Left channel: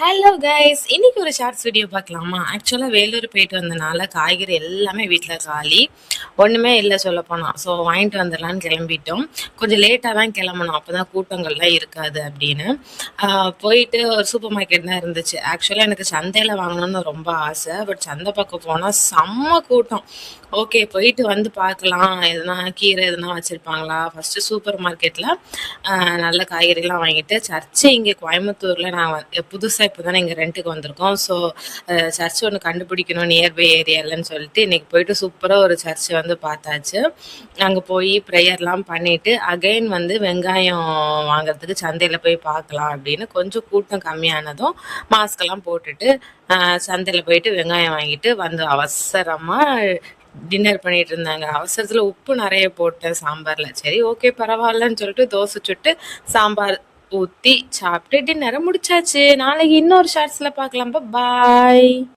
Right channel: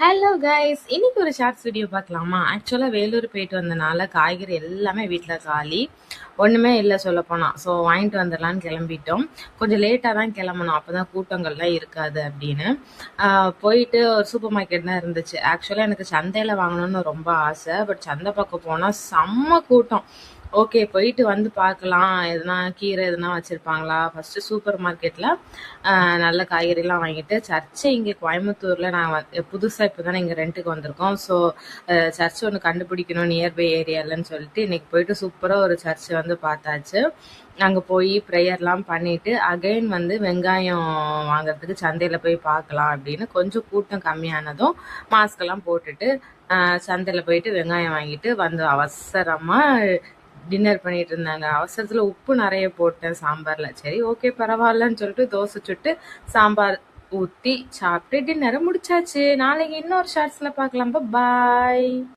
Hello guys, இன்னைக்கு ஒரு shorts video பார்க்கலாமா? ஆக்சுவலாக வேலூர் போயிட்டு வந்தனால காய்கறி எல்லாமே வீட்டில் காலி, ஒன்றுமே இல்லை சொல்லப்போனால். ஸோ வாங்கிட்டு வந்துடலான்னு கிளம்பிட்டோம். கொஞ்சம் லேட்டாக தான் கிளம்பணும், அப்போ தான் கூட்டங்கள்லாம் இருக்காது அப்படின்னு. போயிட்டு ஒரு சூப்பர் மார்க்கெட் தான் இருந்துச்சு. ஆக்சுவலாக எனக்கு சந்தையில் வாங்கணும்னு ரொம்ப ஆசை, பட் சந்தை பக்கம் போனால் செம்ம கூட்டம். ஓகே, போயிட்டு வந்து பார்க்கலாம், எதுனா கீரை எதுனா வச்சுருப்பாங்களா. ஃபஸ்ட்டு சூப்பர் மார்க்கெட்டில் நல்ல காய்கறிலாம் வாங்கிட்டு சர்ச்சு இங்கே கோயம்புத்தூரில் நாங்கள் புதுசாக இப்போ தானே இங்கே ரெண்ட்டுக்கு வந்திருக்கோம். ஸோ சர்ச் ஒன்று கண்டுபிடிக்கணும் நியர்பை ஏரியாலன்னு சொல்லிட்டு இன்றைக்கி போயிட்டு சூப்பராக ஒரு சர்ச்சை வந்து பார்த்தாச்சு. அங்கே போய் ப்ரேயர்லாம் பண்ணிவிட்டு அகைன் வந்து வெங்காயம் வாங்குறதுக்கு சந்தையில் போய் பார்க்கலாம் அப்படின்னு கொஞ்சம் கூட்டம் கம்மியானதும் மாஸ்கெல்லாம் போட்டுட்டு சந்தையில் போயிட்டு வெங்காயம் வாங்கிட்டு வந்து அவசரமாக டின்னர் பண்ணிட்டு இருந்தாங்க. அவசரத்தில் உப்பு நிறைய போட்டேன் சாம்பாரில். சரி ஓகே பரவாயில்லன்னு சொல்லிட்டு தோசை சுட்டு சாம்பார் ஊற்றி சாப்பிட்டு டின்னரை முடிச்சாச்சு. நாளைக்கு இன்னொரு ஷார்ட்ஸில் பார்க்கலாம். பாய்.